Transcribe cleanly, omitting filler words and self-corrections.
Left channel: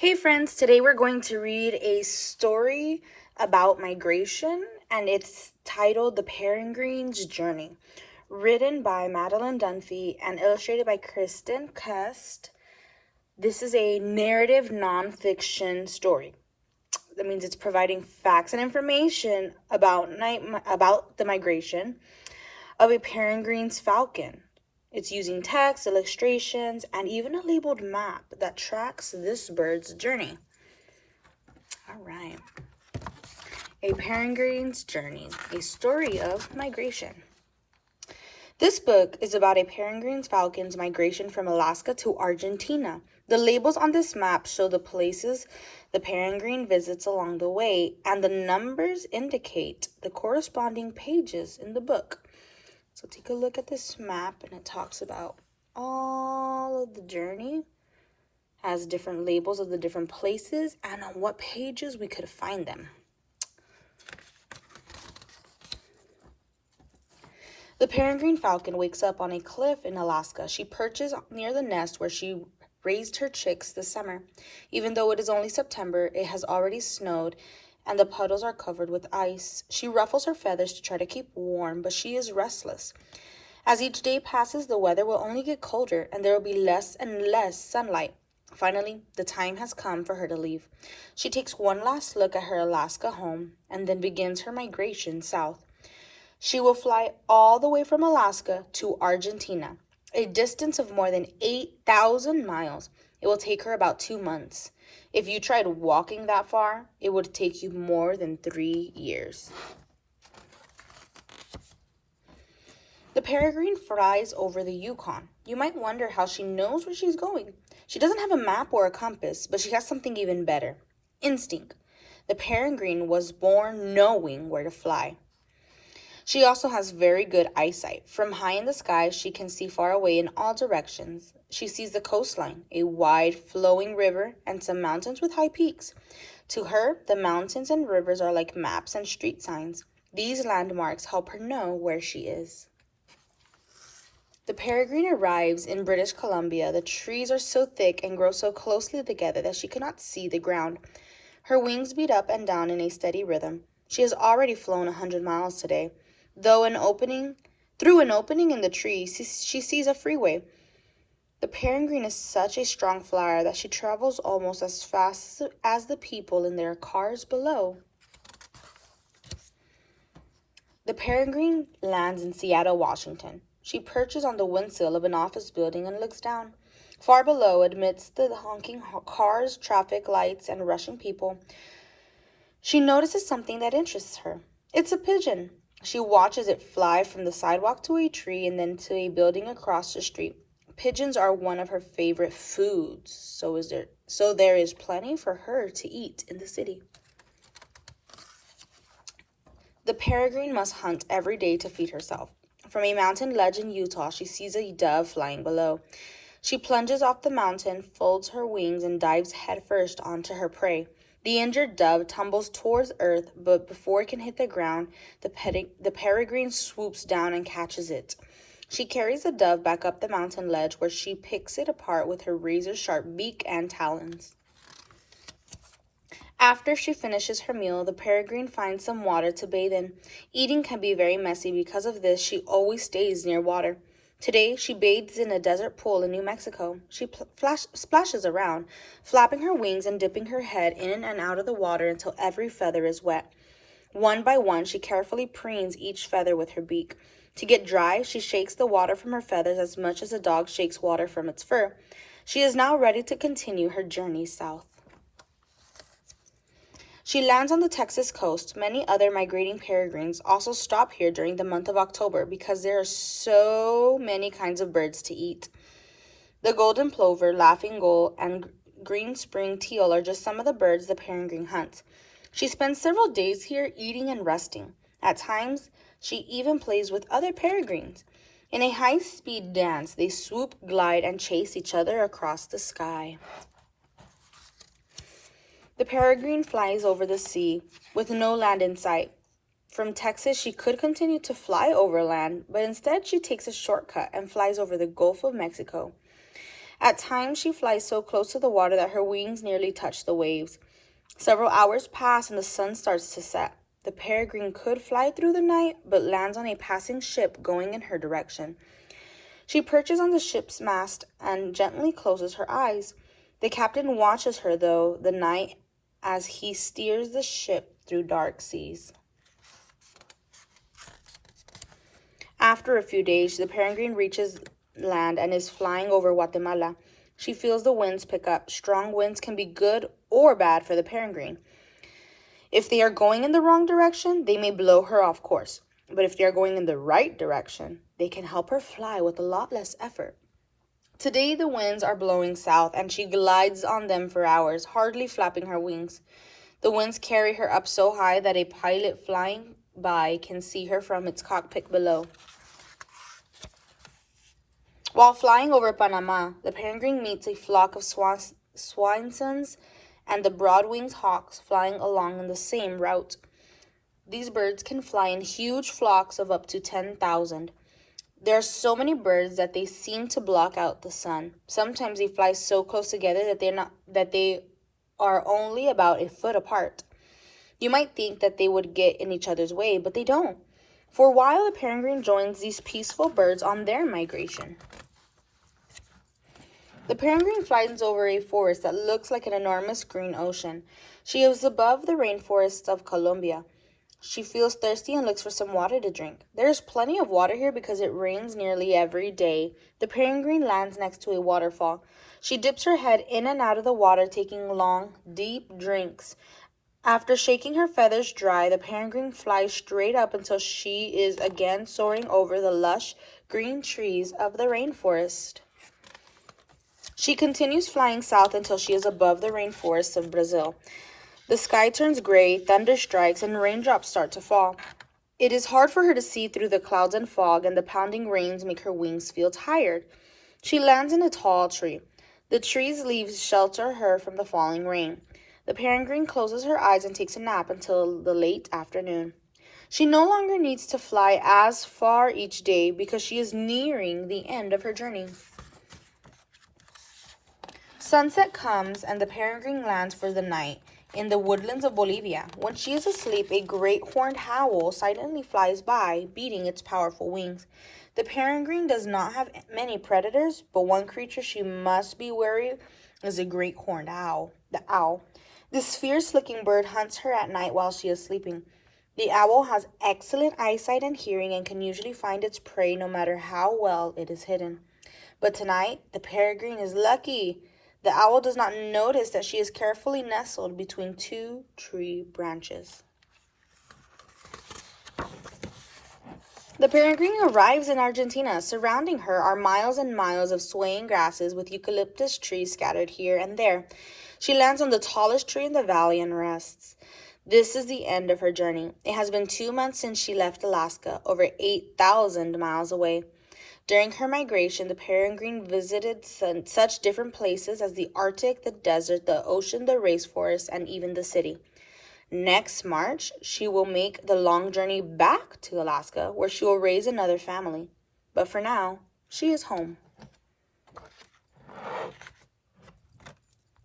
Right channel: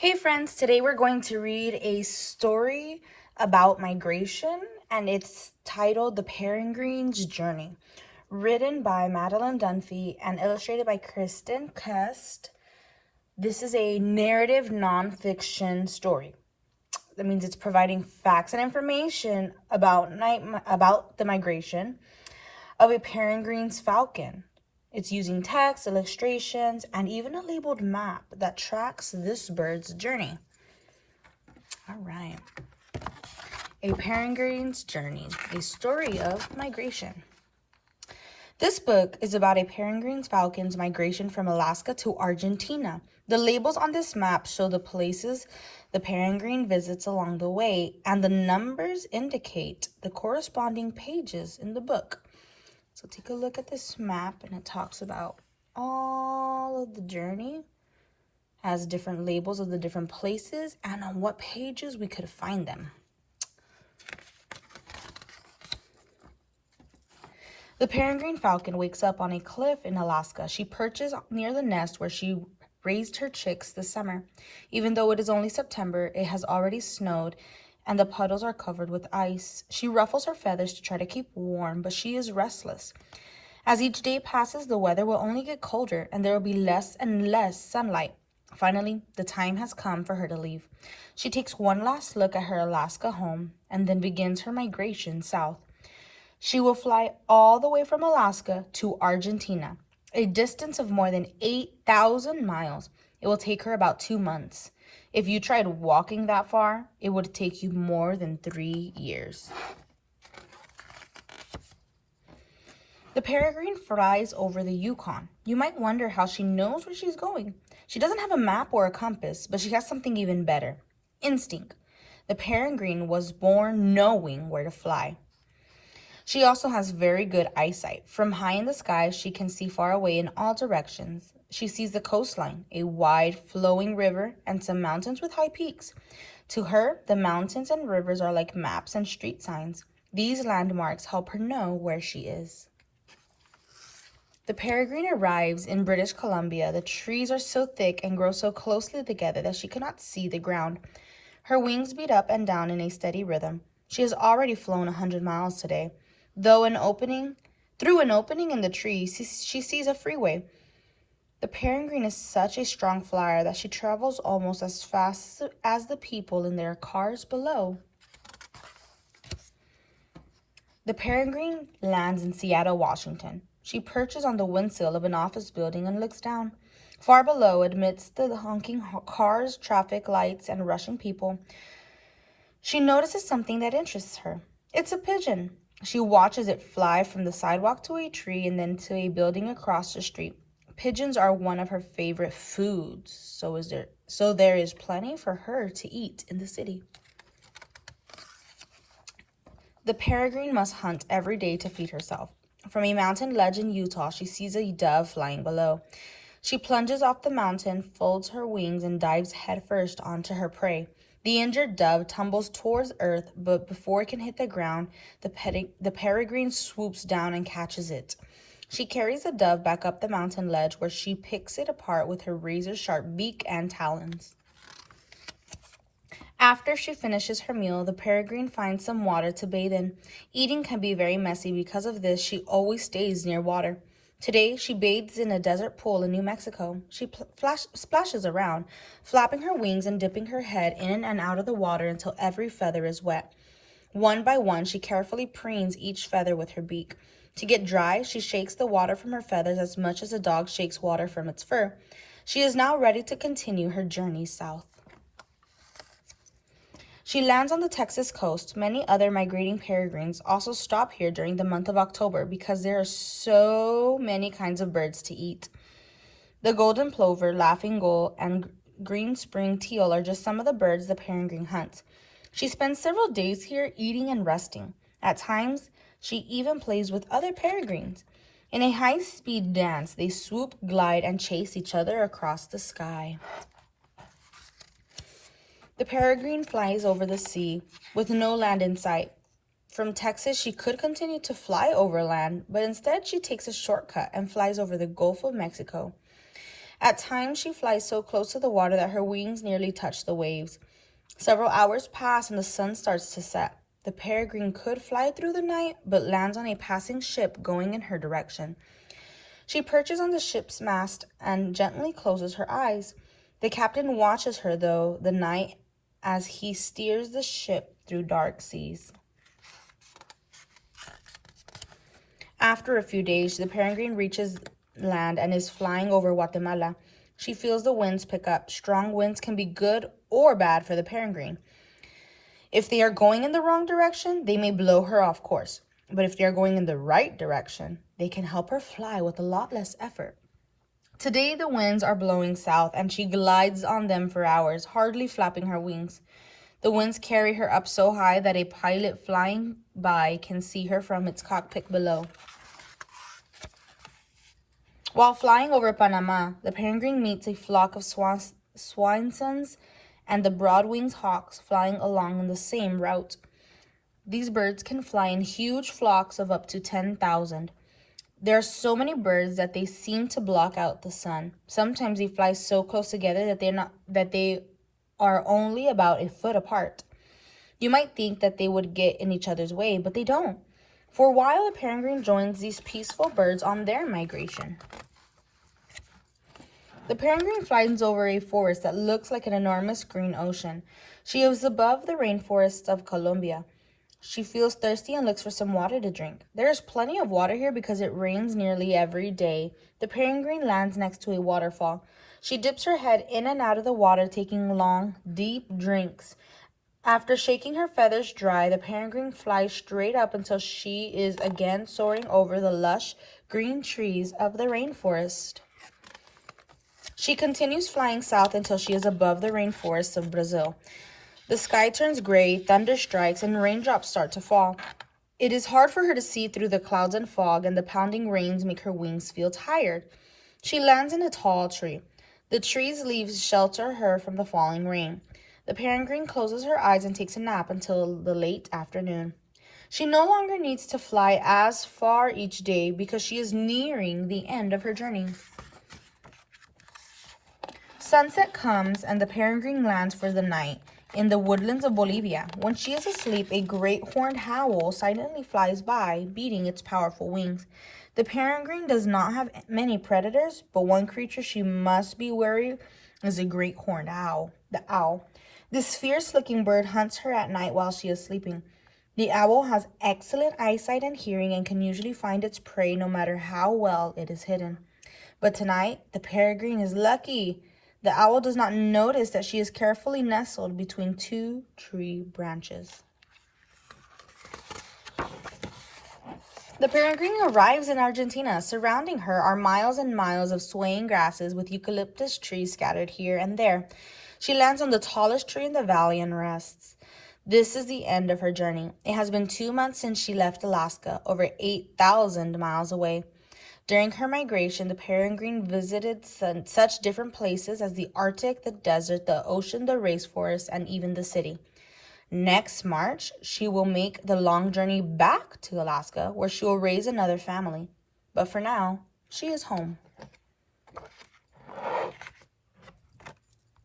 Hey friends, today we're going to read a story about migration and it's titled The Peregrine's Journey, written by Madeleine Dunphy and illustrated by Kristen Cust. This is a narrative nonfiction story. That means it's providing facts and information about the migration of a Peregrine's falcon. It's using text, illustrations, and even a labeled map that tracks this bird's journey. All right. A Peregrine's Journey, a story of migration. This book is about a peregrine falcon's migration from Alaska to Argentina. The labels on this map show the places the peregrine visits along the way, and the numbers indicate the corresponding pages in the book. So take a look at this map, and it talks about all of the journey, has different labels of the different places, and on what pages we could find them. The peregrine falcon wakes up on a cliff in Alaska. She perches near the nest where she raised her chicks this summer. Even though it is only September, it has already snowed and the puddles are covered with ice. She ruffles her feathers to try to keep warm, but she is restless. As each day passes, the weather will only get colder and there will be less and less sunlight. Finally, the time has come for her to leave. She takes one last look at her Alaska home and then begins her migration south. She will fly all the way from Alaska to Argentina, a distance of more than 8,000 miles. It will take her about 2 months. If you tried walking that far, it would take you more than 3 years. The peregrine flies over the Yukon. You might wonder how she knows where she's going. She doesn't have a map or a compass, but she has something even better: instinct. The peregrine was born knowing where to fly. She also has very good eyesight. From high in the sky, she can see far away in all directions. She sees the coastline, a wide flowing river, and some mountains with high peaks. To her, the mountains and rivers are like maps and street signs. These landmarks help her know where she is. The peregrine arrives in British Columbia. The trees are so thick and grow so closely together that she cannot see the ground. Her wings beat up and down in a steady rhythm. She has already flown 100 miles today. Through an opening in the tree, she sees a freeway. The peregrine is such a strong flyer that she travels almost as fast as the people in their cars below. The peregrine lands in Seattle, Washington. She perches on the windsill of an office building and looks down. Far below, amidst the honking cars, traffic lights, and rushing people, she notices something that interests her. It's a pigeon. She watches it fly from the sidewalk to a tree and then to a building across the street. Pigeons are one of her favorite foods, so there is plenty for her to eat in the city. The peregrine must hunt every day to feed herself. From a mountain ledge in Utah, she sees a dove flying below. She plunges off the mountain, folds her wings, and dives headfirst onto her prey. The injured dove tumbles towards earth, but before it can hit the ground, the peregrine swoops down and catches it. She carries the dove back up the mountain ledge, where she picks it apart with her razor-sharp beak and talons. After she finishes her meal, the peregrine finds some water to bathe in. Eating can be very messy. Because of this, she always stays near water. Today, she bathes in a desert pool in New Mexico. She splashes around, flapping her wings and dipping her head in and out of the water until every feather is wet. One by one, she carefully preens each feather with her beak. To get dry, she shakes the water from her feathers as much as a dog shakes water from its fur. She is now ready to continue her journey south. She lands on the Texas coast. Many other migrating peregrines also stop here during the month of October because there are so many kinds of birds to eat. The golden plover, laughing gull, and green spring teal are just some of the birds the peregrine hunts. She spends several days here eating and resting. At times, she even plays with other peregrines. In a high-speed dance, they swoop, glide, and chase each other across the sky. The peregrine flies over the sea with no land in sight. From Texas, she could continue to fly overland, but instead she takes a shortcut and flies over the Gulf of Mexico. At times, she flies so close to the water that her wings nearly touch the waves. Several hours pass and the sun starts to set. The Peregrine could fly through the night, but lands on a passing ship going in her direction. She perches on the ship's mast and gently closes her eyes. The captain watches her, though, the night as he steers the ship through dark seas. After a few days, the Peregrine reaches land and is flying over Guatemala. She feels the winds pick up. Strong winds can be good or bad for the Peregrine. If they are going in the wrong direction, they may blow her off course. But if they are going in the right direction, they can help her fly with a lot less effort. Today, the winds are blowing south, and she glides on them for hours, hardly flapping her wings. The winds carry her up so high that a pilot flying by can see her from its cockpit below. While flying over Panama, the Peregrine meets a flock of swansons and the broad-winged hawks flying along in the same route. These birds can fly in huge flocks of up to 10,000. There are so many birds that they seem to block out the sun. Sometimes they fly so close together that they are only about a foot apart. You might think that they would get in each other's way, but they don't. For a while, the Peregrine joins these peaceful birds on their migration. The Peregrine flies over a forest that looks like an enormous green ocean. She is above the rainforests of Colombia. She feels thirsty and looks for some water to drink. There is plenty of water here because it rains nearly every day. The Peregrine lands next to a waterfall. She dips her head in and out of the water, taking long, deep drinks. After shaking her feathers dry, the Peregrine flies straight up until she is again soaring over the lush green trees of the rainforest. She continues flying south until she is above the rainforests of Brazil. The sky turns gray, thunder strikes, and raindrops start to fall. It is hard for her to see through the clouds and fog, and the pounding rains make her wings feel tired. She lands in a tall tree. The tree's leaves shelter her from the falling rain. The Peregrine closes her eyes and takes a nap until the late afternoon. She no longer needs to fly as far each day because she is nearing the end of her journey. Sunset comes and the Peregrine lands for the night in the woodlands of Bolivia. When she is asleep, a great horned owl silently flies by, beating its powerful wings. The Peregrine does not have many predators, but one creature she must be wary is a great horned owl, the owl. This fierce-looking bird hunts her at night while she is sleeping. The owl has excellent eyesight and hearing and can usually find its prey no matter how well it is hidden. But tonight, the Peregrine is lucky. The owl does not notice that she is carefully nestled between two tree branches. The Peregrine arrives in Argentina. Surrounding her are miles and miles of swaying grasses with eucalyptus trees scattered here and there. She lands on the tallest tree in the valley and rests. This is the end of her journey. It has been 2 months since she left Alaska, over 8,000 miles away. During her migration, the Peregrine visited such different places as the Arctic, the desert, the ocean, the rainforest, and even the city. Next March, she will make the long journey back to Alaska, where she will raise another family. But for now, she is home.